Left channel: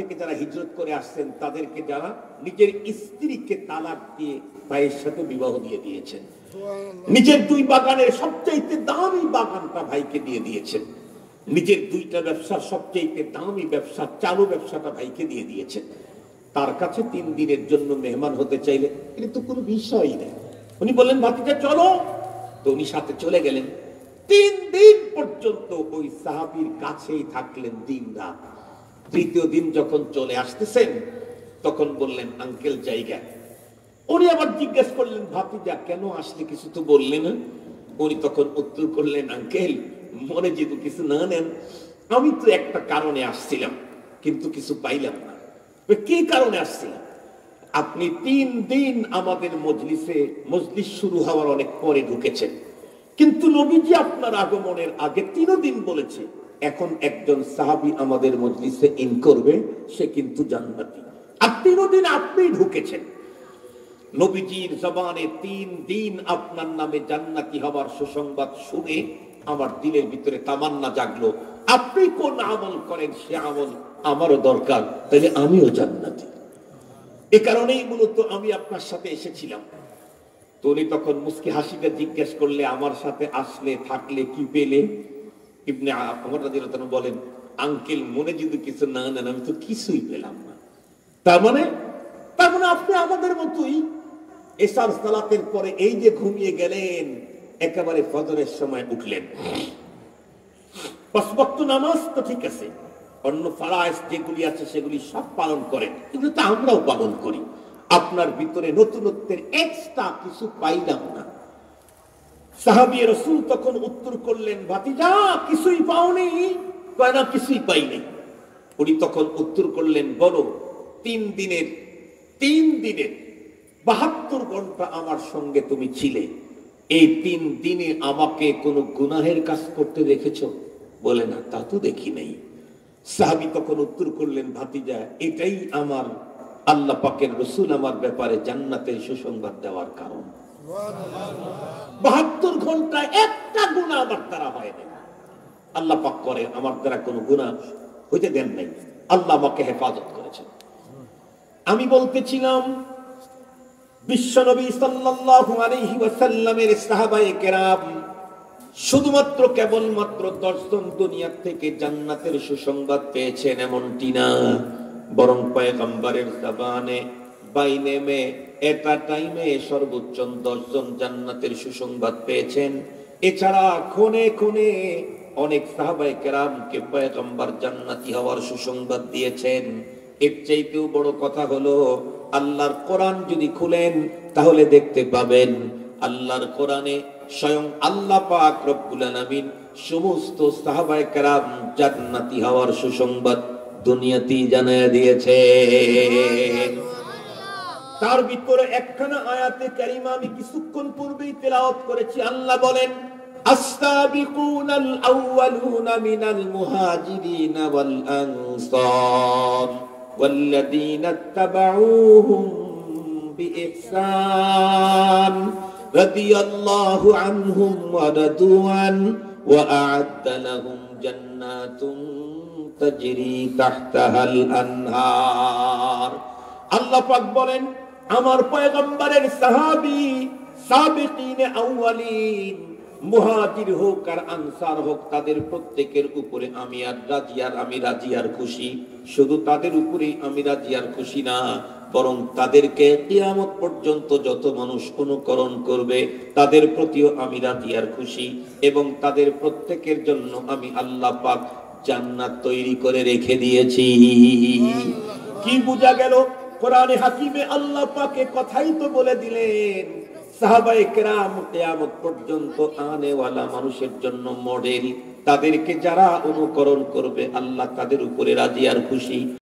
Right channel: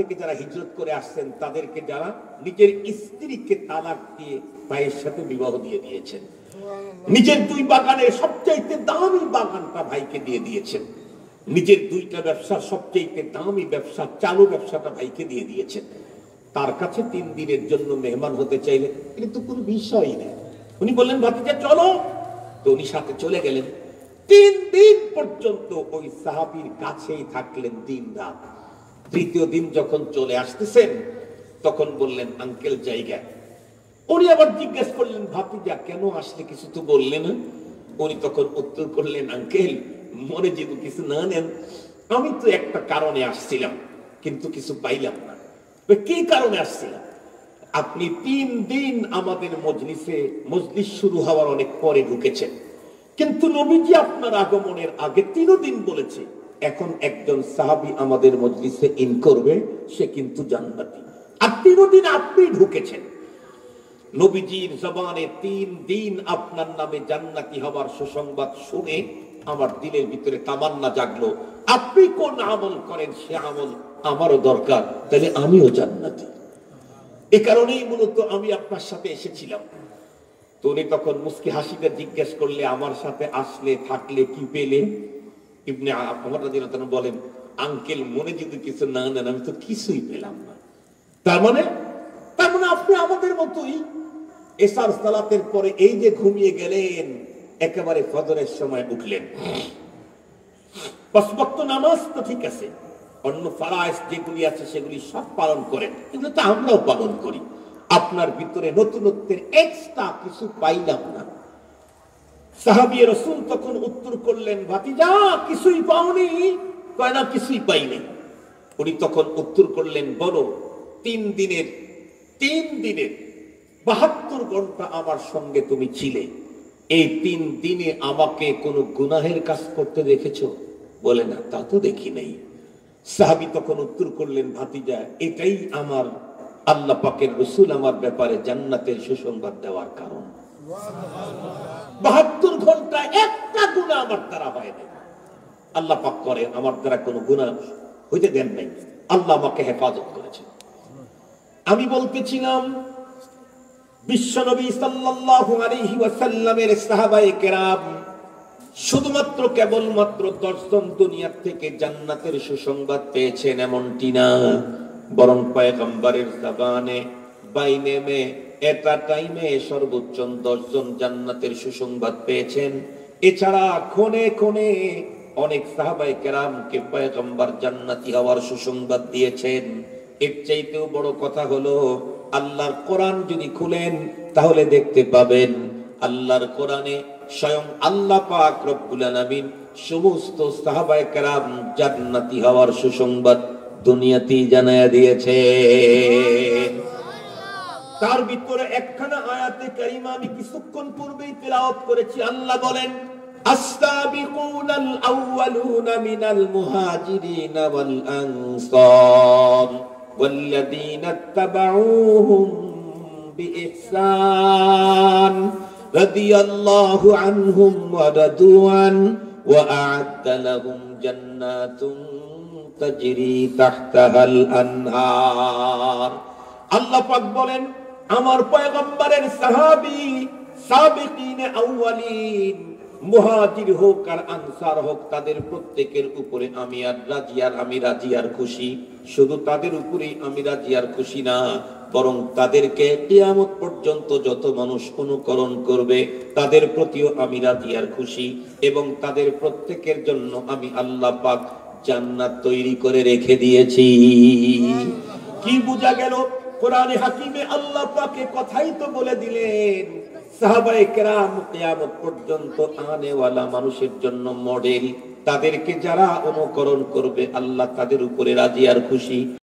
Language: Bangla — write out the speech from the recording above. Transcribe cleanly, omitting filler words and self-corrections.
থেকে যারা হিজরত করে আসছেন তাদেরকে যারা নিজের স্ত্রীকে তালাক দিয়ে ভাইয়ের সাথে বিবাহ দিয়ে দিয়েছেন, নিজের 2 বাগানের সবচাইতে দামি বাগানটা ভাইকে দিয়ে দিয়েছেন, নিজের 2টা ব্যবসার সবচাইতে দামি ব্যবসা চালু ব্যবসাটা ভাইকে দিয়ে দিয়েছেন, তার কাছে 3 দিনের জন্য মেহমান হতে চাইলে কিন্তু কোনো বিষয়ই নেই। উনি বললেন ভাতিজা চলো, তো উনি সাথে চলে গেলেন। 3 দিন পর্যন্ত ওই সাহাবীর কাছেই থাকলেন দিন রাত। 3য় দিন যখন চলে আসতেছেন তখন বললেন আঙ্কেল জায়গা। উনি আবার জিজ্ঞেস করলেন ভাতিজা কেন আসলে, কিছু তো বললে না। উনি তখন উত্তর করলেন আঙ্কেল মনে যদি কিছু না নেন, আমি তো একটা কারণে আসছিলাম কিন্তু কিছু পাইলাম না। কি কারণে আসছিলাম? আপনি 3 দিন আমাদের মজলিস শুরু হওয়ার অনেক পরে ঢুকেছেন, কিন্তু নবীজি আপনার আগমনের আগে 3 দিন বলেছে এখন একজন সাহাবী আমাদের মজলিসে ইন করবে, সে কিন্তু জান্নাতি। আর 3 দিন আপনি ঢুকেছেন। নবীজির জবানে 3 দিন আপনার নামে জান্নাতি হওয়ার সুসংবাদ শুনে আমার দিলের ভিতরে তামান্না জাগলো, আপনি কোন আমল করেন সে আমল আমারও দরকার, তাহলে আমিও জান্নাতি। এ কারণেই মূলত আমি আপনার সাথে এসেছিলাম। তো উনি তখন মুস্কি হাসিতে জিজ্ঞেস করলে আমার সাথে আসলে থাকলে কি পেলে? ইবনে ওমর রাদিয়াল্লাহু তাআলা বলেন আঙ্কেল মনে যদি কিছু না নেন আমি তো কিছুই পেলাম না। তার মানে আপনি আমাদের মতোই এশার সালাতের পরে এই যে ঘুমিয়ে গেলেন, একেবারে ফজরের সময় উঠলেন। 5 ওয়াক্ত নামাজ তো ঠিক আছে, অন্য ফরজ যেগুলি আছে সেগুলি সব পালন করেন, এগুলো তো আমরাও পালন করি। আপনার ভিতরে নতুনত্বের এক্সট্রা কিছু পাইলাম না। সাহাবী রাসূল তখন উত্তর করলেন ভাতিজা কিছুই পাওনি? কয় না কিছুই পাইনি। উনি তখন উত্তর করলেন বলো 3 দিনের 72 ঘন্টা আমার সঙ্গে তুমি ছিলে, এই 3 দিনে আমাকে কোনো গুনাহের কাজ করতে দেখেছো? বলে না তা তো দেখি নাই। সাহাবী তখন উত্তর করলেন ভাতিজা এটাই আমার আল্লাহ পাকের রাসূল আমার ব্যাপারে জান্নাতের সুসংবাদ দেওয়ার কারণ। 72 ঘন্টায় একটা গুনাহ আমার দ্বারা হয় নাই। আল্লাহ পাক করে আমার দ্বারা কোনো গুনাহ হইতে দেন নাই, আল্লাহ আমাকে হেফাজত করেছেন। আমি বলতেছিলাম বিশ্বনবী সাল্লাল্লাহু আলাইহি ওয়াসাল্লামের সাহাবায়ে কেরাম শুধুমাত্র কেবলমাত্র 10 জন দুনিয়া থেকে জান্নাতের সুসংবাদ পেয়েছেন এমনটি না, বরং পয়গম্বরের জবানে বাইনে মে একটা টাইমে সর্বোচ্চ 10 জন জান্নাতের সুসংবাদ পেয়েছেন। এছাড়া কোনে কোনে অনেক সাহাবায়ে কেরামকে পয়গম্বর জান্নাতি হওয়ার সুসংবাদ দিয়েছেন। এর চাইতেও বড় কথা হলো আল্লাহর কোরআন যদি খুলেন তাহলে দেখতে পাবেন আল্লাহর কোরআনে স্বয়ং আল্লাহ পাক রব্বুল আলামিন সমস্ত সাহাবায়ে কেরাম জান্নাতি হওয়ার সুসংবাদ দুনিয়াতেই জানায়া দিয়েছে। তার ভিতরে একখানা আয়াতে কারিমা আমি কিছুক্ষণ পূর্বেই তেলাওয়াত করেছি। আল্লাহ বলেন আস-সাবিকুনাল আউয়ালুনা মিনাল মুহাজিরিনা ওয়াল আনসার ওয়াল্লাযীনা ইত্তাবাউহুম বিইহসান রাদিয়াল্লাহু আনহুম ওয়া রাদু আন ওয়া আ'আদ্দা লাহুম জান্নাতুন তাজরি তাহতাহাল আনহার। আল্লাহ পাক বলেন আমার পয়গম্বরের সাহাবী সাবিকিনে আউয়ালিন মুহাজির হোক আর আনসার হোক তাদের প্রত্যেকের উপরে আমি রাজি আর খুশি। শুধু তাদের উপরেই আমি রাজি আর খুশি না, বরং তাদেরকে কিয়ামত পর্যন্ত যত মানুষ অনুকরণ করবে তাদের প্রতিও আমি রাজি আর খুশি, এবং তাদের প্রত্যেকের জন্য আমি আল্লাহ পাক জান্নাত তৈরি করে রেখে দিয়েছি। কি বোঝা গেল? কোরআনে হাকিমে আল্লাহ পাকে কথাই তো বলে দিলেন সাহাবায়ে কেরাম কিয়ামত পর্যন্ত আনেওয়ালা মানুষের জন্য মডেল, তাদেরকে যারা অনুকরণ করবে আল্লাহ তাদের উপরে রাজি আর খুশি।